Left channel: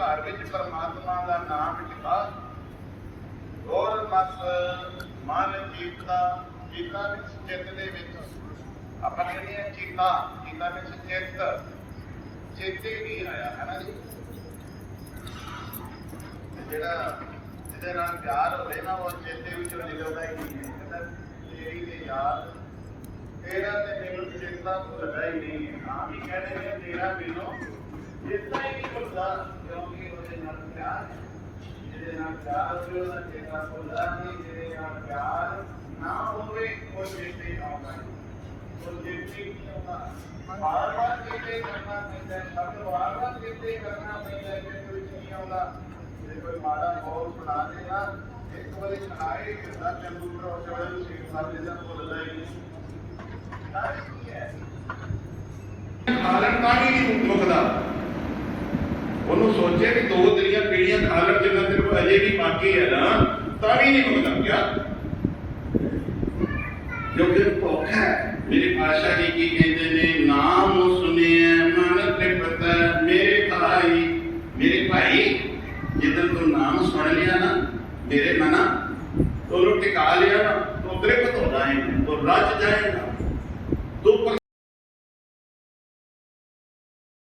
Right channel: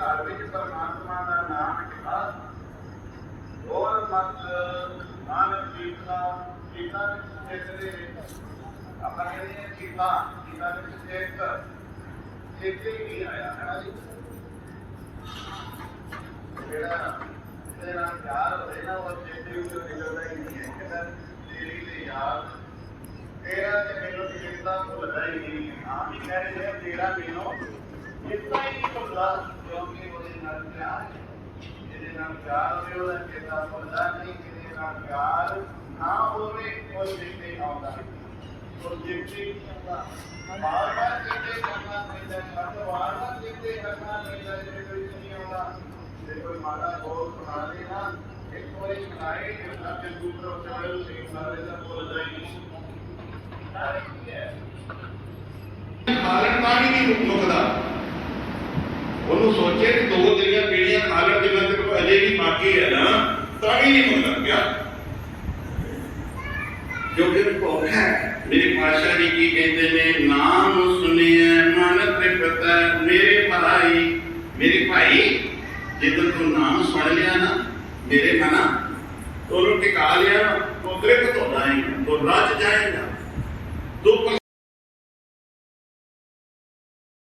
ਘਰ ਵਿੱਚ ਪਰਮਾਤਮਾ ਦਾ ਨਾਮ ਲਿਖਾ। ਹੋਰ ਮਤ, ਮਨ ਚੀਤਾ ਚੀਤਾ ਵਿੱਚ ਚਿੱਤ ਦੇ ਵਿੱਚ। ਆਪਾਂ ਕਹਿੰਦੇ ਹਾਂ ਚੀਤਾ ਚੀਤਾ ਵਿੱਚ ਚਿੱਤ ਚੇਤੇ ਨਹੀਂ ਆਇਆ, ਹੈ ਨਾ ਜੀ? ਜਿਹੜਾ ਜਿਹਦੇ ਨਾਲ ਪਿਆਰ ਹੋਵੇ ਨਾ, ਉਹ ਚੇਤੇ ਵਿੱਚੋਂ ਨਿਕਲਦਾ ਹੀ ਨਹੀਂ ਹੈ। ਕਹਿੰਦਾ ਤੇਰੀ ਤੇ ਯਾਦ, ਤੇਰਾ ਤੇ ਮੈਨੂੰ ਚੇਤਾ ਭੁੱਲਦਾ ਹੀ ਨਹੀਂ ਨਾਮ ਹੀ ਕਹਿੰਦੇ ਨੇ ਤੇਰਾ ਮੈਨੂੰ ਚੇਤਾ ਹੀ ਨਹੀਂ ਭੁੱਲਦਾ ਕਿਉਂਕਿ ਉਹਦੇ ਨਾਲ ਪਿਆਰ ਹੈ। ਜਿਹਦੇ ਨਾਲ ਪਿਆਰ ਹੋਵੇ ਉਹਦਾ ਚੇਤਾ ਭੁੱਲਦਾ ਨਹੀਂ। ਜਿਹਦੇ ਨਾਲ ਪਿਆਰ ਨਾ ਹੋਵੇ ਉਹ ਚੇਤੇ ਆਉਂਦਾ ਨਹੀਂ। ਉਹ ਚੇਤੇ ਨਹੀਂ ਆਉਂਦਾ ਵਾਰ ਵਾਰ ਚੇਤੇ ਕਰਨਾ ਪੈਂਦਾ ਹੈ, ਸ਼ਬਦ ਵਾਰ ਵਾਰ ਚੇਤੇ ਕਰਨਾ ਪੈਂਦਾ ਹੈ, ਜਿਹੜੇ ਕੋਈ ਨਹੀਂ ਆਉਂਦਾ ਜੇ ਕੋਈ ਮਾੜਾ ਬੋਲ ਸੁਣਾ ਦੇ ਨਾ ਇੱਕ ਵਾਰੀ ਸੁਣਾਏ ਨਾ ਚੰਗੂ ਪਰ ਚੜ੍ਹ ਸਿੰਘ ਮਰਦੇ ਦਾ ਭੁੱਲਦਾ ਹੀ ਨਹੀਂ ਸਾਰੇ ਕੀ ਹੈ ਖਾਲਣ ਪਾਣੀ ਨਹੀਂ ਮੁੱਕਦਾ ਉਹਨੂੰ ਸੋਚੇ ਕਿ ਦੋ ਤੇਰੀਆਂ ਪੀੜੀਆਂ ਖਾਲਣ ਜਿੰਨਾ ਤੇਰੇ ਅਜੇ ਵੀ ਬਾਕੀ ਹੈ ਨਾ, ਤਾਂ ਵੀ ਨਹੀਂ ਮੁੱਕਦਾ ਕਿਆ ਜੋ ਕਿ ਭੁੱਖ ਹੈ, ਮੇਰੇ ਪਾਸ਼ਾ ਜੀ ਕੀ ਕਹਿੰਦੇ ਨੇ, ਨਾਮ ਸੁਣਿਐ ਮਨ ਤ੍ਰਿਪਤ, ਮੇਰੇ ਭਾਈ ਮੇਰੇ ਭਾਈ ਜਦੋਂ ਤੂੰ ਨਾਮ ਸੁਣ ਲਿਆ ਨਾ, ਮੇਰੇ ਮਨਾ, ਤੂੰ ਉਹਨੂੰ ਟਿਕਾ ਲਿਆ ਤੂੰ ਤ੍ਰਿਪਤ ਹੋ ਜਾਏਗਾ ਤੂੰ ਰਜ ਜਾਏਗਾ ਤੂੰ